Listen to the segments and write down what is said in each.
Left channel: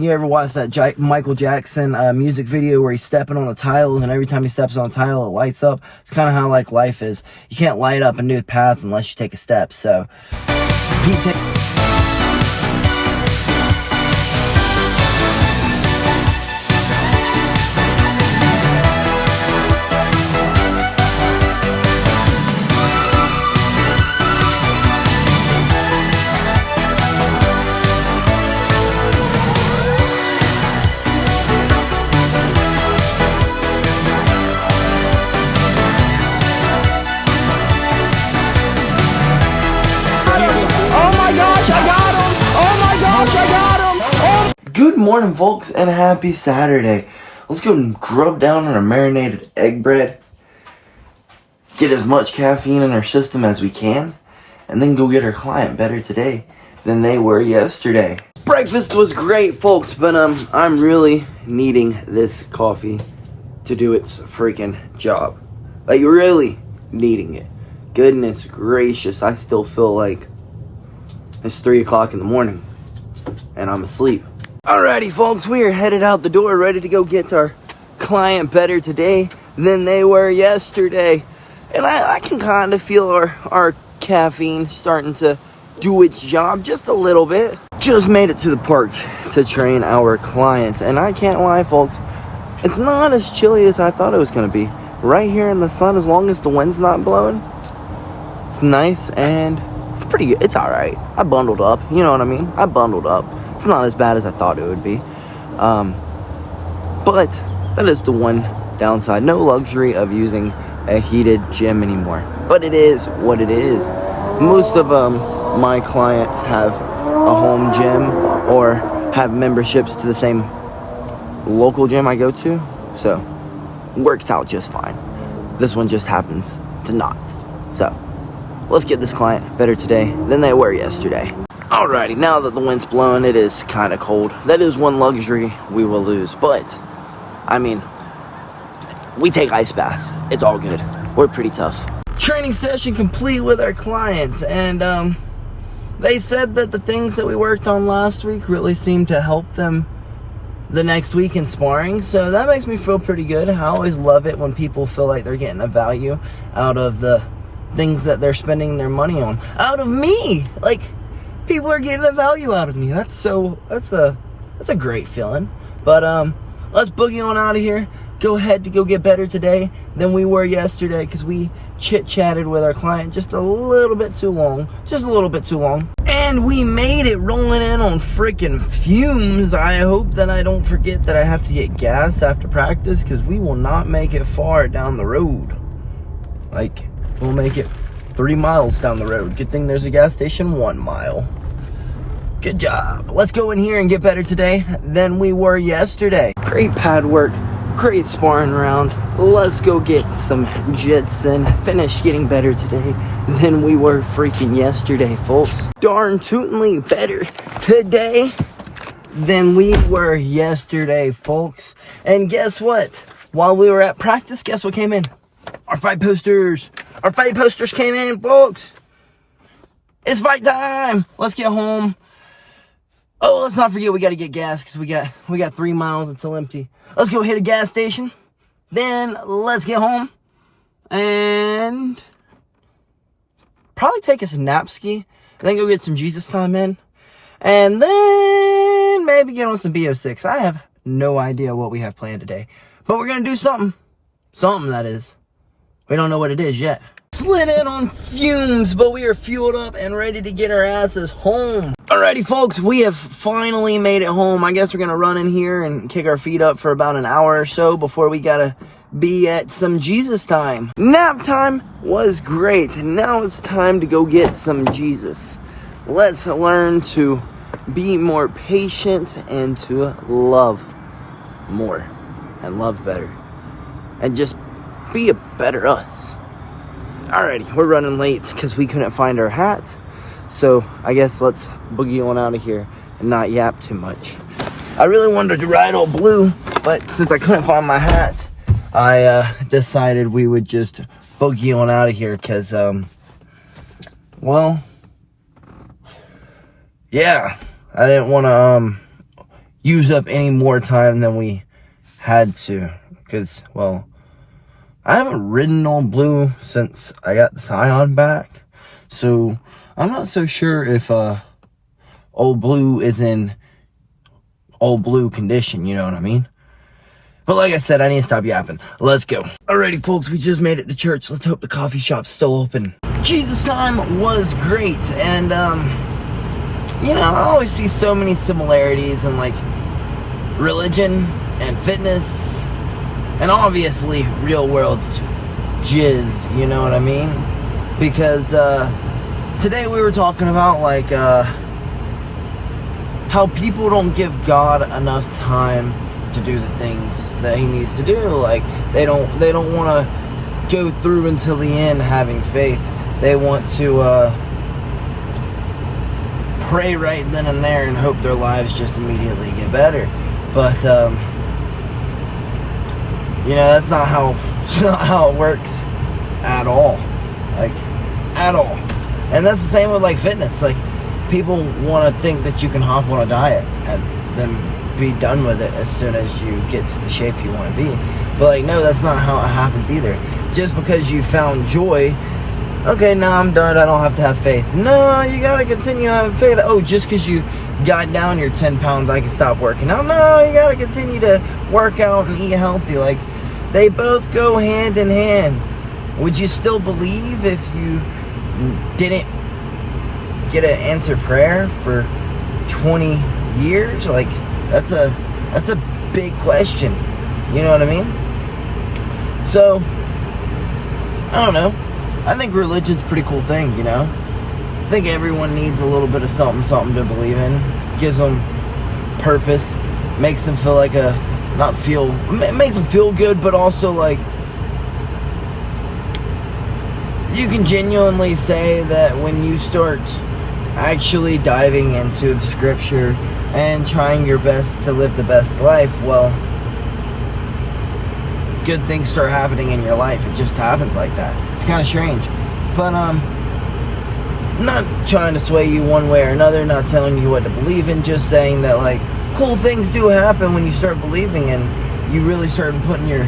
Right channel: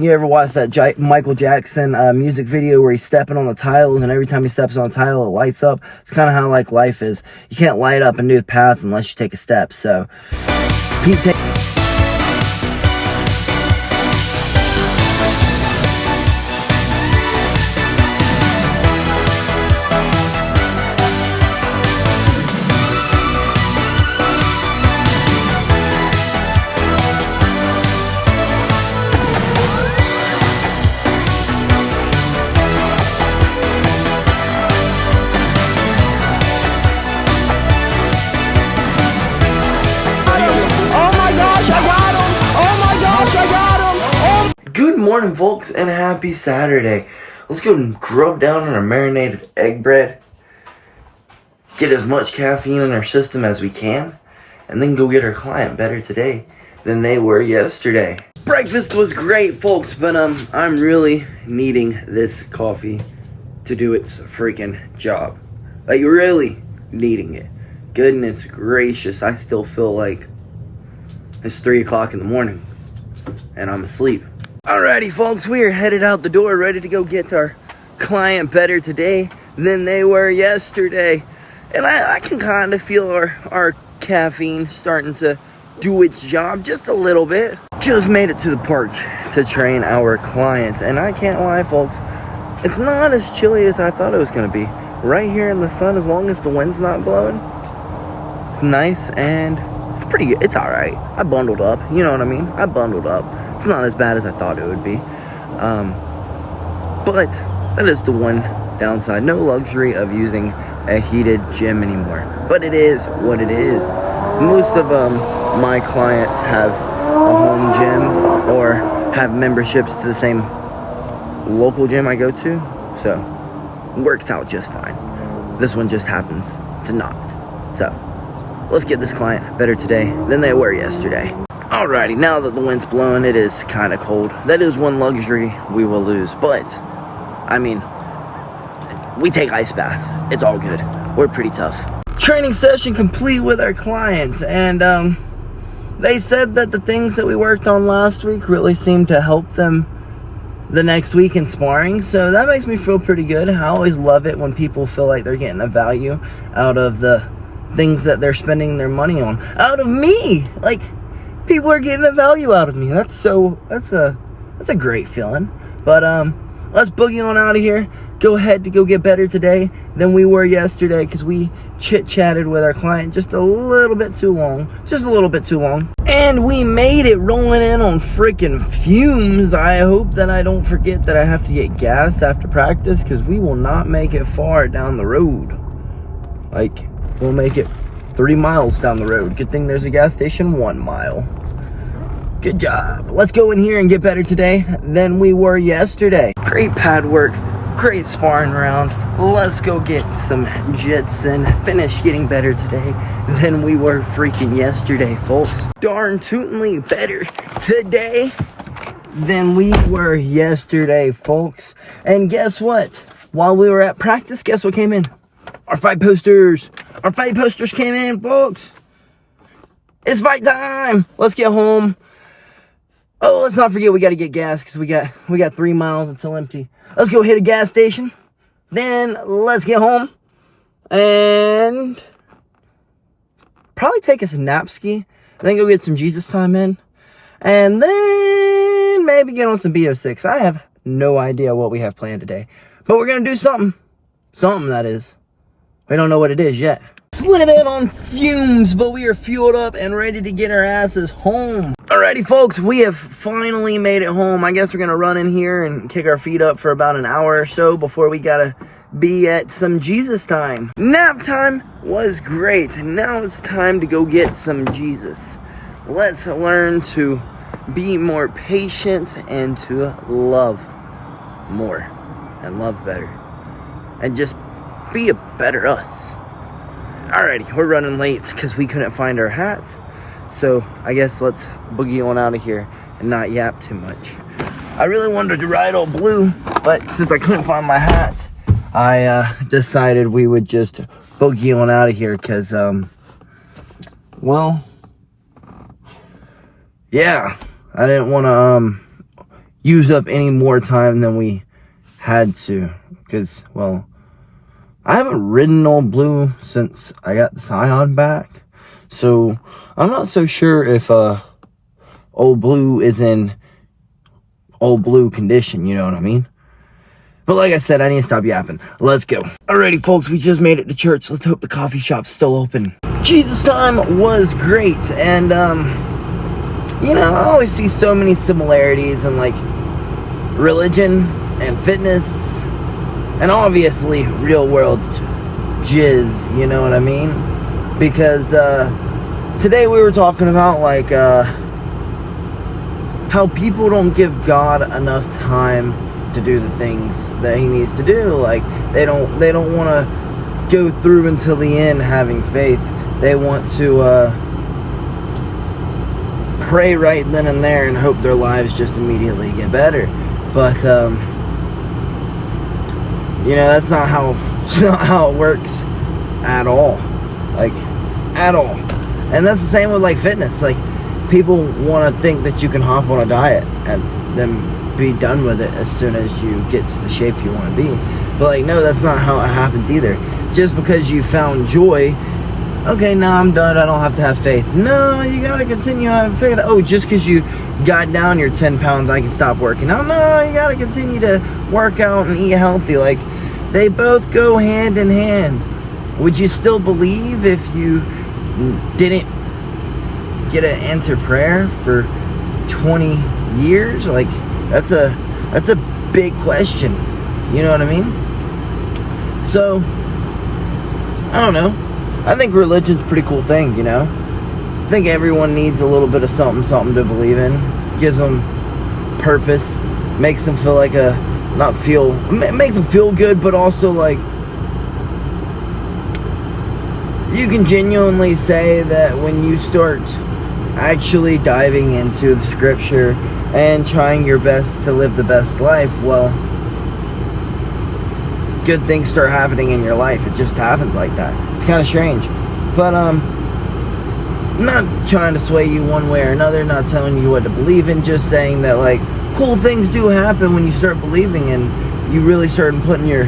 You ever watch that Michael Jackson music video where he's stepping on the tiles, and every time he steps on a tile, it lights up? It's kind of how like life is. You can't light up a new path unless you take a step. So, Good morning, folks, and happy Saturday. Let's go and grub down on our marinated egg bread, get as much caffeine in our system as we can, and then go get our client better today than they were yesterday. Breakfast was great, folks, but I'm really needing this coffee to do its freaking job. Like, really needing it. Goodness gracious, I still feel like it's 3 o'clock in the morning and I'm asleep. Alrighty, folks, we are headed out the door, ready to go get our client better today than they were yesterday. And I can kind of feel our caffeine starting to do its job just a little bit. Just made it to the park to train our clients, and I can't lie, folks, it's not as chilly as I thought it was going to be. Right here in the sun, as long as the wind's not blowing, it's nice and it's pretty good. It's alright. I bundled up, you know what I mean? I bundled up. It's not as bad as I thought it would be. But that is the one downside. No luxury of using a heated gym anymore. But it is what it is. Most of my clients have a home gym or have memberships to the same local gym I go to. So, it works out just fine. This one just happens to not. So, let's get this client better today than they were yesterday. Alrighty, now that the wind's blowing, it is kind of cold. That is one luxury we will lose. But, I mean, we take ice baths. It's all good. We're pretty tough. Training session complete with our clients. And they said that the things that we worked on last week really seemed to help them the next week in sparring. So that makes me feel pretty good. I always love it when people feel like they're getting a value out of the things that they're spending their money on. Out of me! Like, people are getting a value out of me. That's a great feeling. But let's boogie on out of here. Go ahead to go get better today than we were yesterday, because we chit-chatted with our client just a little bit too long. Just a little bit too long. And we made it, rolling in on freaking fumes. I hope that I don't forget that I have to get gas after practice, because we will not make it far down the road. Like, we'll make it 3 miles down the road. Good thing there's a gas station 1 mile. Good job. Let's go in here and get better today than we were yesterday. Great pad work, great sparring rounds. Let's go get some jits and finish getting better today than we were freaking yesterday, folks. Darn tootin'ly better today than we were yesterday, folks. And guess what? While we were at practice, guess what came in? Our fight posters. Our fight posters came in, folks. It's fight time. Let's get home. Oh, let's not forget we got to get gas, because we got 3 miles until empty. Let's go hit a gas station. Then let's get home and probably take us a nap ski. Then go get some Jesus time in. And then maybe get on some BO6. I have no idea what we have planned today. But we're going to do something. Something, that is. We don't know what it is yet. Slid in on fumes, but we are fueled up and ready to get our asses home. Alrighty, folks, we have finally made it home. I guess we're going to run in here and kick our feet up for about an hour or so before we got to be at some Jesus time. Nap time was great. Now it's time to go get some Jesus. Let's learn to be more patient and to love more and love better. And just be a better us. Alrighty, we're running late because we couldn't find our hat. So I guess let's boogie on out of here and not yap too much. I really wanted to ride Old Blue, but since I couldn't find my hat, I decided we would just boogie on out of here because, well, yeah, I didn't want to use up any more time than we had to. Because, well, I haven't ridden Old Blue since I got the Scion back. So, I'm not so sure if Old Blue is in Old Blue condition, you know what I mean? But like I said, I need to stop yapping. Let's go. Alrighty, folks, we just made it to church. Let's hope the coffee shop's still open. Jesus time was great, and you know, I always see so many similarities in like religion and fitness and obviously real world jizz, you know what I mean? Because today we were talking about like how people don't give God enough time to do the things that he needs to do. Like they don't want to go through until the end having faith. They want to pray right then and there and hope their lives just immediately get better. But you know, that's not how it works at all. Like at all. And that's the same with like fitness. Like people want to think that you can hop on a diet and then be done with it as soon as you get to the shape you want to be. But like, no, that's not how it happens either. Just because you found joy, okay, now I'm done, I don't have to have faith. No, you gotta continue having faith. Oh, just because you got down your 10 pounds, I can stop working out. No, you gotta continue to work out and eat healthy. Like, they both go hand in hand. Would you still believe if you didn't get an answer prayer for 20 years? Like, that's a big question. You know what I mean? So, I don't know. I think religion's a pretty cool thing, you know? I think everyone needs a little bit of something to believe in. Gives them purpose. Makes them feel like makes them feel good, but also like you can genuinely say that when you start actually diving into the scripture and trying your best to live the best life, well, good things start happening in your life. It just happens like that. It's kind of strange. But not trying to sway you one way or another, not telling you what to believe in, just saying that like cool things do happen when you start believing and you really start putting your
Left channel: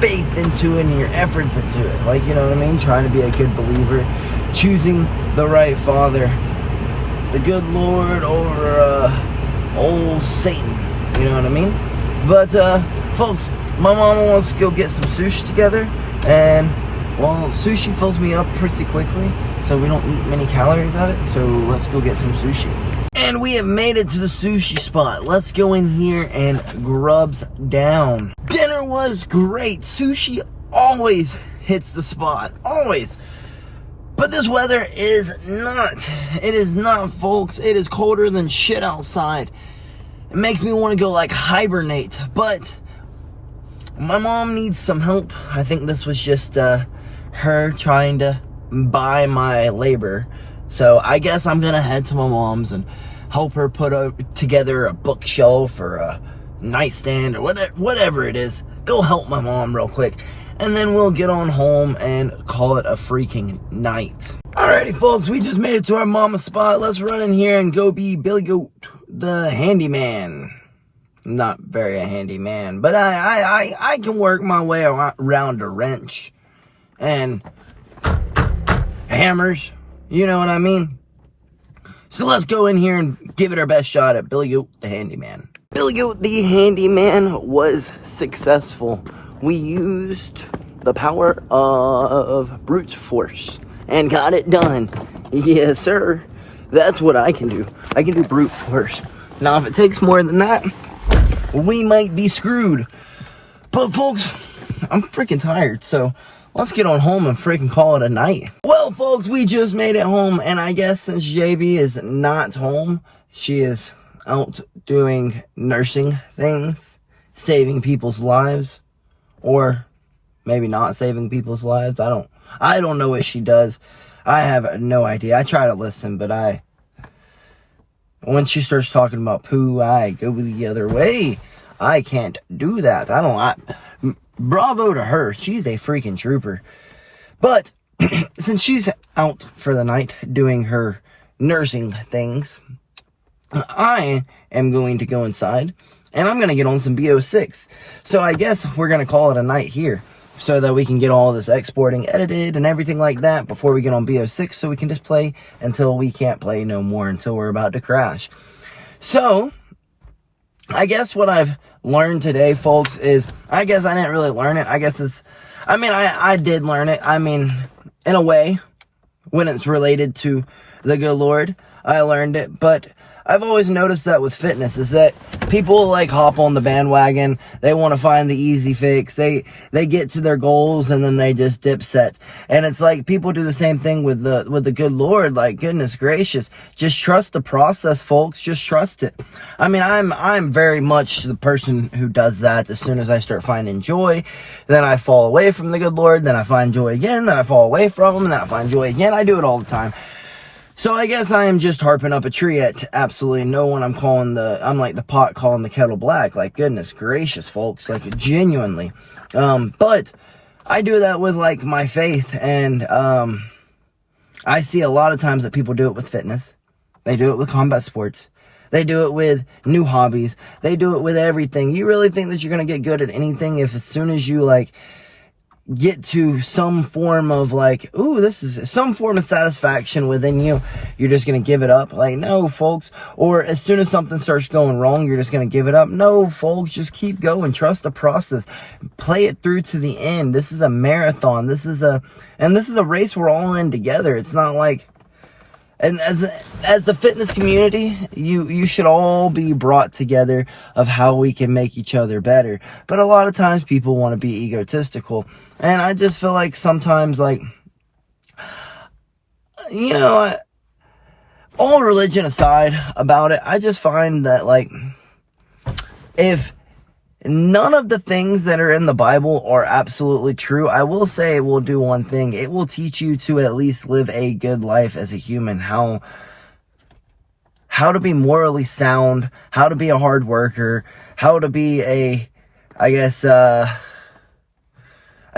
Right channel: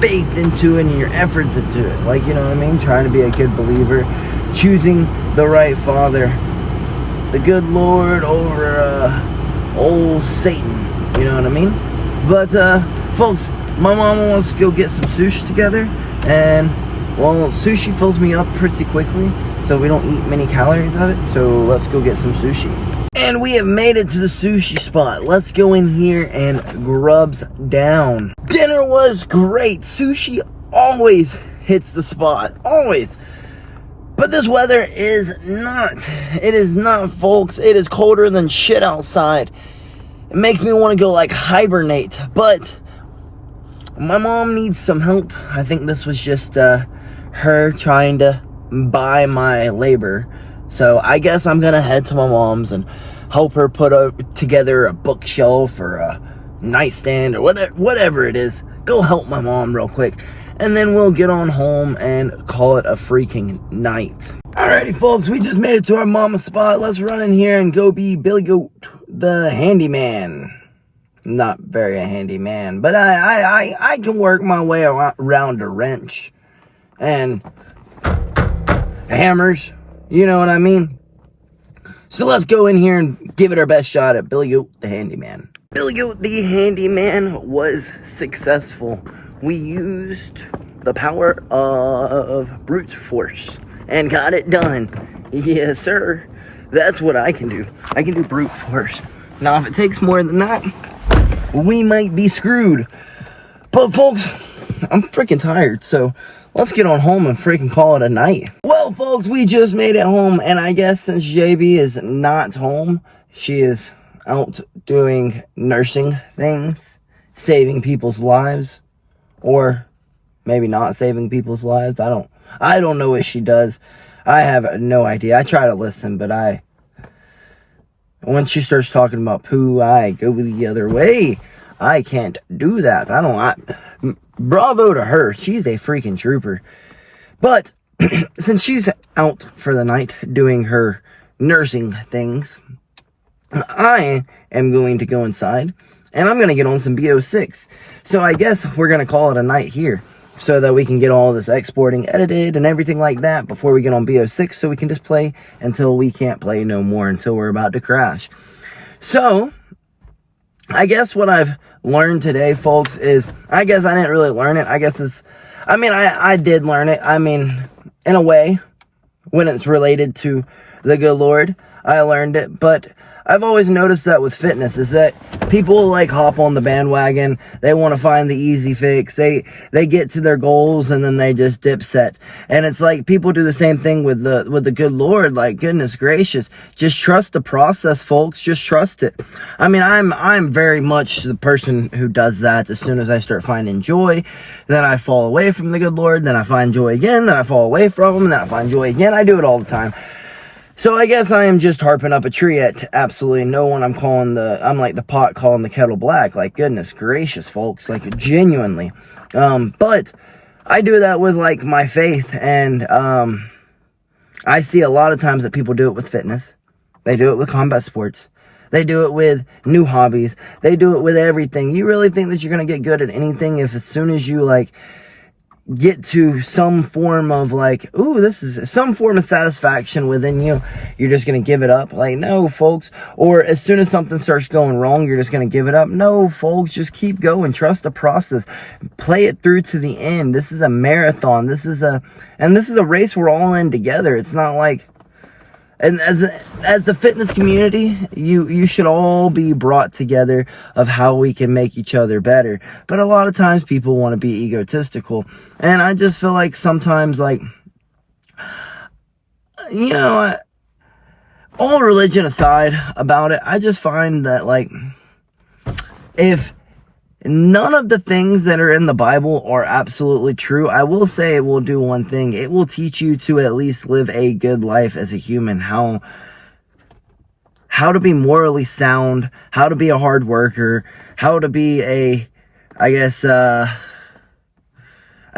faith into it and your efforts into it. Like, you know what I mean? Trying to be a good believer, choosing the right father, the good Lord over old Satan. You know what I mean? But folks, my mama wants to go get some sushi together, and well, sushi fills me up pretty quickly, so we don't eat many calories of it. So let's go get some sushi. And we have made it to the sushi spot. Let's go in here and grubs down. Dinner was great. Sushi always hits the spot. Always. But this weather is not. It is not, folks. It is colder than shit outside. It makes me want to go like hibernate. But my mom needs some help. I think this was just her trying to buy my labor. So I guess I'm going to head to my mom's and help her put together a bookshelf or a nightstand or whatever it is. Go help my mom real quick. And then we'll get on home and call it a freaking night. Alrighty, folks, we just made it to our mama's spot. Let's run in here and go be BillyGoat, the handyman. Not very a handyman, but I can work my way around a wrench and hammers. You know what I mean? So let's go in here and give it our best shot at BillyGoat, the handyman. BillyGoat, the handyman, was successful. We used the power of brute force and got it done. Yes, sir. That's what I can do. I can do brute force. Now, if it takes more than that, we might be screwed. But, folks, I'm freaking tired, so let's get on home and freaking call it a night. Well, folks, we just made it home, and I guess since JB is not home, she is out doing nursing things, saving people's lives, or maybe not saving people's lives. I don't know what she does. I have no idea. I try to listen, but when she starts talking about poo, I go the other way. I can't do that. Bravo to her. She's a freaking trooper. But since she's out for the night doing her nursing things, I am going to go inside and I'm going to get on some BO6. So I guess we're going to call it a night here so that we can get all this exporting edited and everything like that before we get on BO6, so we can just play until we can't play no more, until we're about to crash. So I guess what I've learned today, folks, is, I guess I didn't really learn it. I guess it's, I did learn it. In a way, when it's related to the good Lord, I learned it. But I've always noticed that with fitness, is that people like hop on the bandwagon. They want to find the easy fix. They get to their goals and then they just dip set. And it's like people do the same thing with the good Lord. Like, goodness gracious, just trust the process, folks. Just trust it. I'm very much the person who does that. As soon as I start finding joy, then I fall away from the good Lord. Then I find joy again. Then I fall away from him. Then I find joy again. I do it all the time. So I guess I am just harping up a tree at absolutely no one. I'm like the pot calling the kettle black. Like, goodness gracious, folks. Like, genuinely. But I do that with, like, my faith. And I see a lot of times that people do it with fitness. They do it with combat sports. They do it with new hobbies. They do it with everything. You really think that you're going to get good at anything if as soon as you, like, get to some form of, like, ooh, this is some form of satisfaction within you, you're just going to give it up? Like, no, folks. Or as soon as something starts going wrong, you're just going to give it up? No, folks, just keep going. Trust the process. Play it through to the end. This is a marathon. This is a race we're all in together. It's not like, and as the fitness community, you should all be brought together of how we can make each other better. But a lot of times people want to be egotistical. And I just feel like sometimes, like, all religion aside about it, I just find that, like, if none of the things that are in the Bible are absolutely true, I will say it will do one thing. It will teach you to at least live a good life as a human. How to be morally sound, how to be a hard worker, how to be a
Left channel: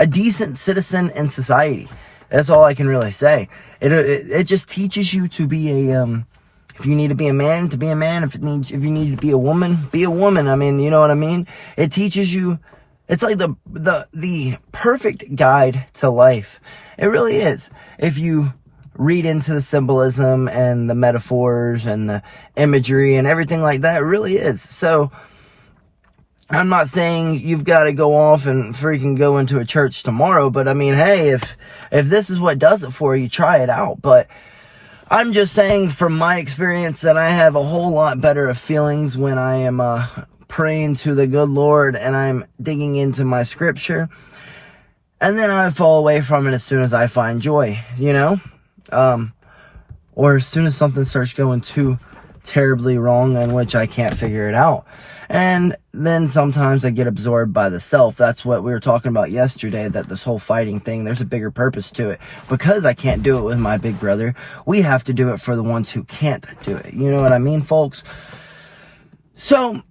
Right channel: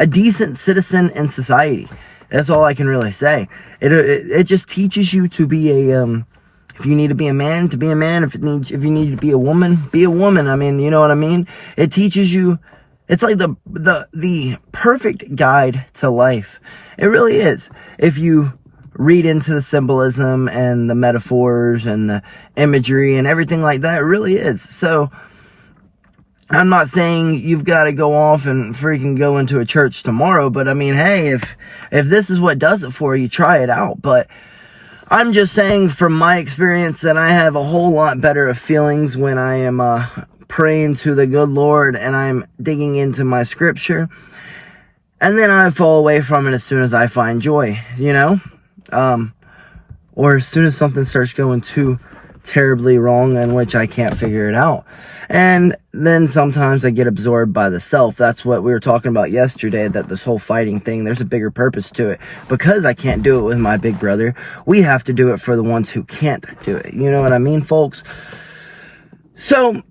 decent citizen in society. That's all I can really say. It just teaches you to be if you need to be a man, to be a man. If you need to be a woman, be a woman. You know what I mean? It teaches you. It's like the perfect guide to life. It really is. If you read into the symbolism and the metaphors and the imagery and everything like that, it really is. So I'm not saying you've got to go off and freaking go into a church tomorrow, but hey, if this is what does it for you, try it out. But I'm just saying from my experience that I have a whole lot better of feelings when I am praying to the good Lord and I'm digging into my scripture, and then I fall away from it as soon as I find joy, or as soon as something starts going too terribly wrong in which I can't figure it out. And then sometimes I get absorbed by the self. That's what we were talking about yesterday, that this whole fighting thing, there's a bigger purpose to it. Because I can't do it with my big brother, we have to do it for the ones who can't do it. You know what I mean, folks? So,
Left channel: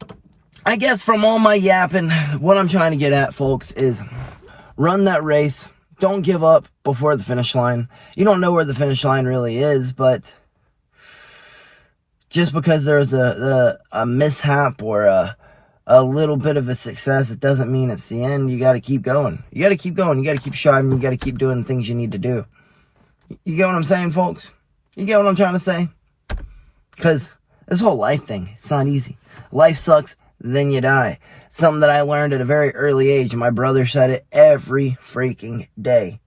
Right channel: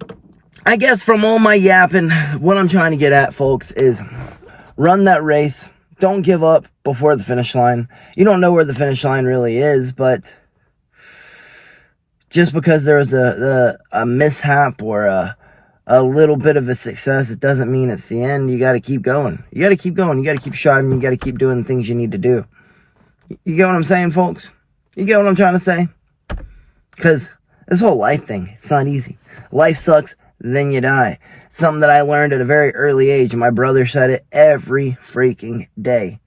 I guess from all my yapping, what I'm trying to get at, folks, is run that race. Don't give up before the finish line. You don't know where the finish line really is, but just because there's a mishap or a little bit of a success, it doesn't mean it's the end. You got to keep going. You got to keep going. You got to keep striving. You got to keep doing the things you need to do. You get what I'm saying, folks? You get what I'm trying to say? Because this whole life thing, it's not easy. Life sucks, then you die. Something that I learned at a very early age. My brother said it every freaking day.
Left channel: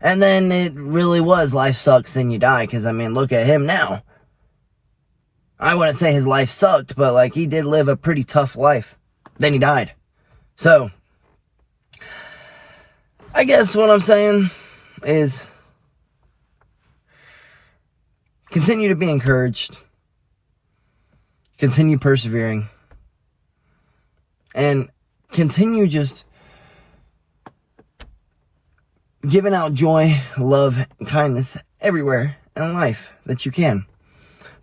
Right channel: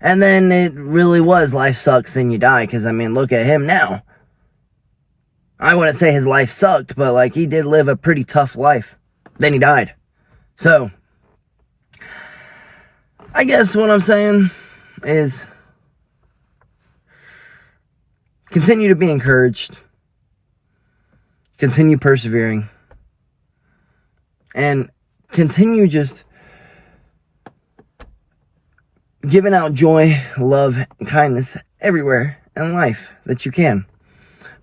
And then it really was, life sucks, then you die. Because, look at him now. I wouldn't say his life sucked, but, like, he did live a pretty tough life. Then he died. So, I guess what I'm saying is continue to be encouraged. Continue persevering. And continue just giving out joy, love, and kindness everywhere in life that you can.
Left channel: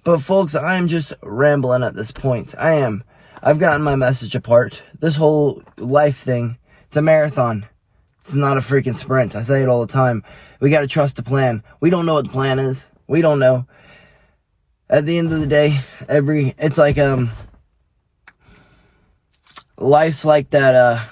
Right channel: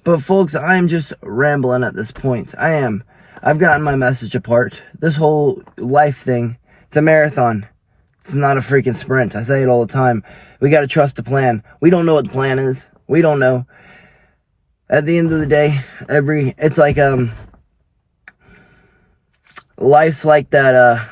But folks, I'm just rambling at this point. I've gotten my message apart. This whole life thing, it's a marathon. It's not a freaking sprint. I say it all the time. We got to trust the plan. We don't know what the plan is. We don't know. At the end of the day, it's like life's like that,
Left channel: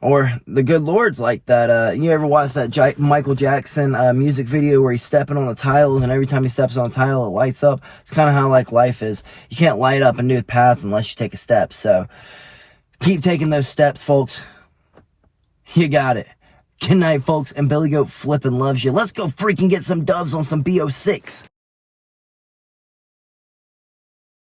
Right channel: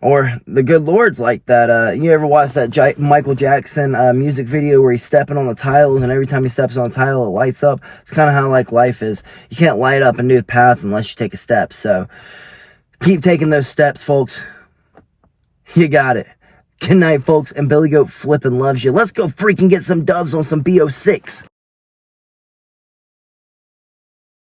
or the good Lord's like that. You ever watch that Michael Jackson music video where he's stepping on the tiles, and every time he steps on a tile, it lights up? It's kind of how like life is. You can't light up a new path unless you take a step. So keep taking those steps, folks. You got it. Good night, folks. And BillyGoat flipping loves you. Let's go freaking get some doves on some BO6.